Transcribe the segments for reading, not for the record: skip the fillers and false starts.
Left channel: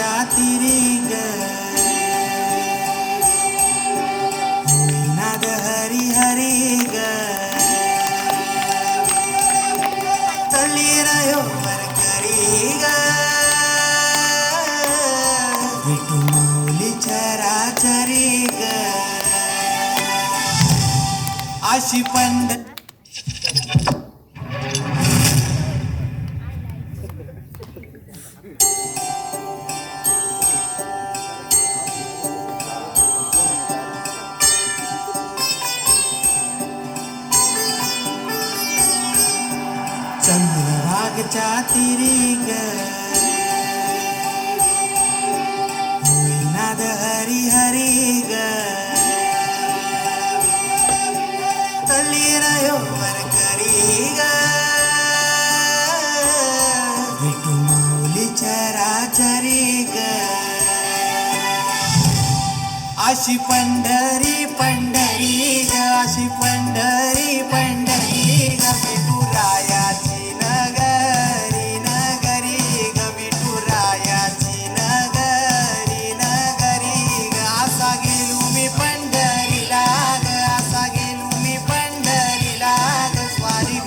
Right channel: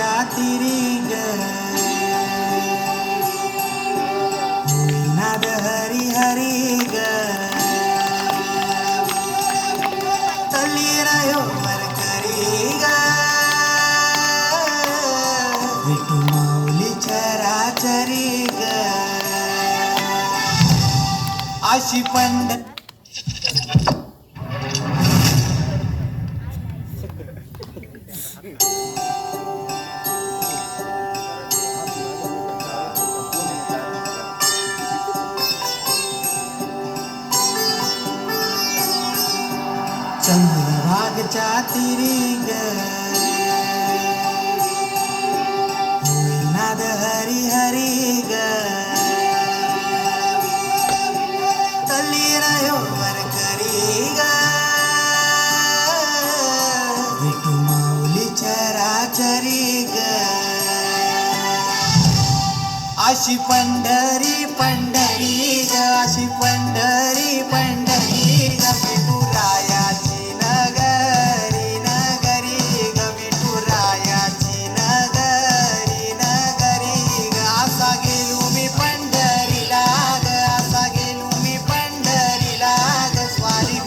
चंद्रभागेच्या तिरी ग नाद हरी हरी ग तळीरायो वरकरी ग विठू माऊली चराचरी ग अशी पंड चंद्रभागेच्या तिरी ग नाद हरी हरी ग तळीरायो वरकरी ग विठू माऊली चराचरी ग अशी पंढरी पंढरी ग अशी पंढरी पंढरी ग विठुरायाची नगरी नगरी ग विठुरायाची नगरी नगरी ग असा गेलो मी पंढरीला ग असा गेलो मी पंढरीला ग स्वारी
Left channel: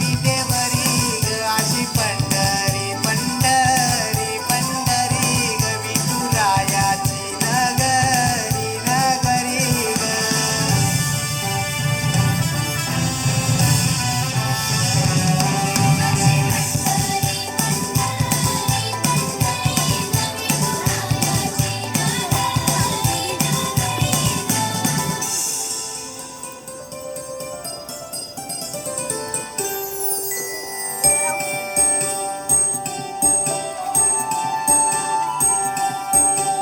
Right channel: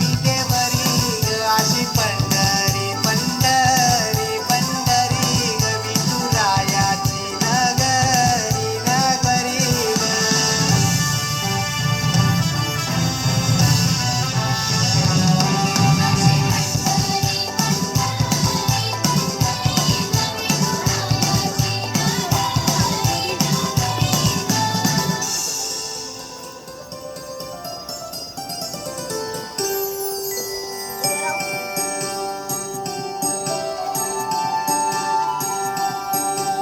विटेवरी ग अशी पंढरी पंढरी पंढरी ग विठुरायाची नगरी नगरी ग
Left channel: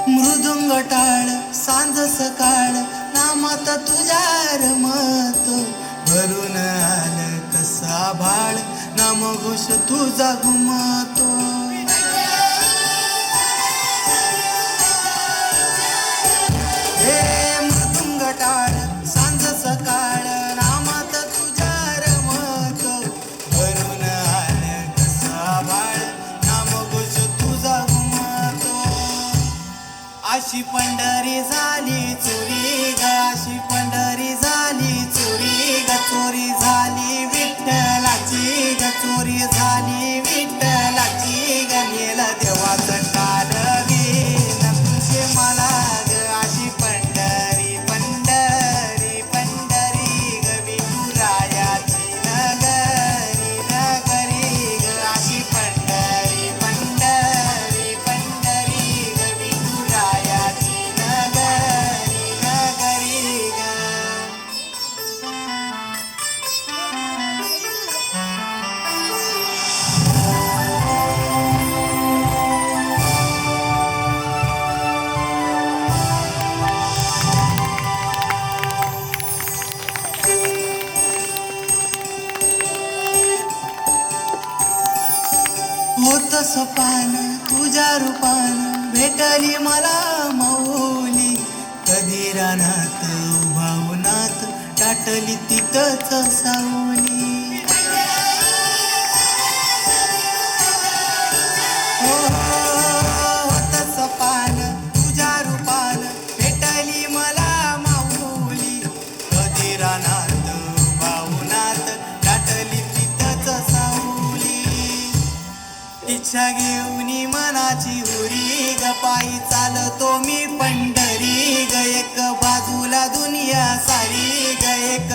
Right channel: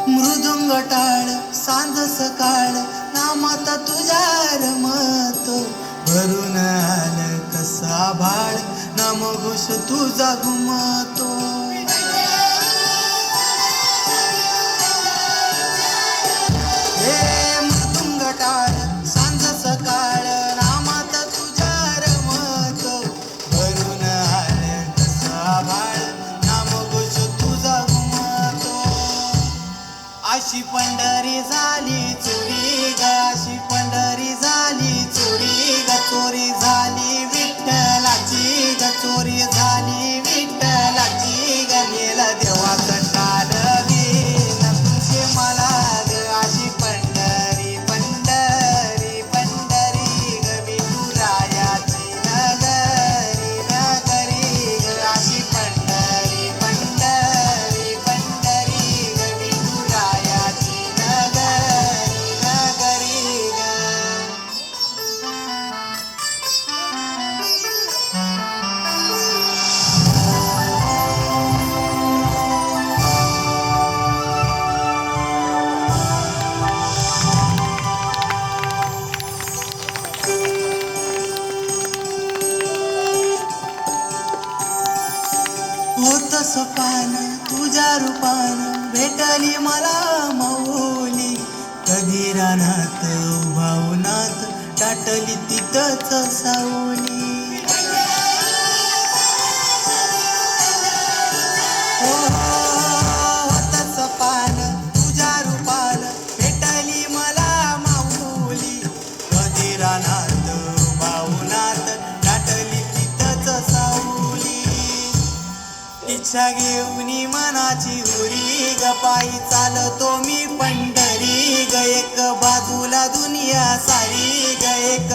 मृदुंग टाळ सांज सकाळ नामात तुझ्या रमतो भरून आलं कसा भाळ नामघोष तुझा घुमतो हे मृदुंग टाळ सांज सकाळ नामात तुझ्या रमतो भरून आलं कसा भाळ नामघोष तुझा घुमतो अशी पंढरी झाली चोरी ग अशी पंढरी झाली चोरी ग चोरी झाली विठ्ठलाची ग चोरी झाली विठ्ठलाची ग नेला देवाचं कालवीन तुझे मला ग अशी पंढरी पंढरी पंढरी ग विठुरायाची नगरी नगरी ग अशी पंढरी पंढरी पंढरी ग विठुरायाची नगरी नगरी ग होत सपान तुझ्या रूपान भेटली मला माऊली कधी रानात उभावनात टाटली तिथंच सावली होत सपान तुझ्या रूपान भेटली मला माऊली कधी रानात उभावनात टाटली तिथंच सावली इच्छा घेऊनी मनाची हुरी ग पायी चालतो मी पंढरी ग एक बाजूला दुनिया सारी ग एक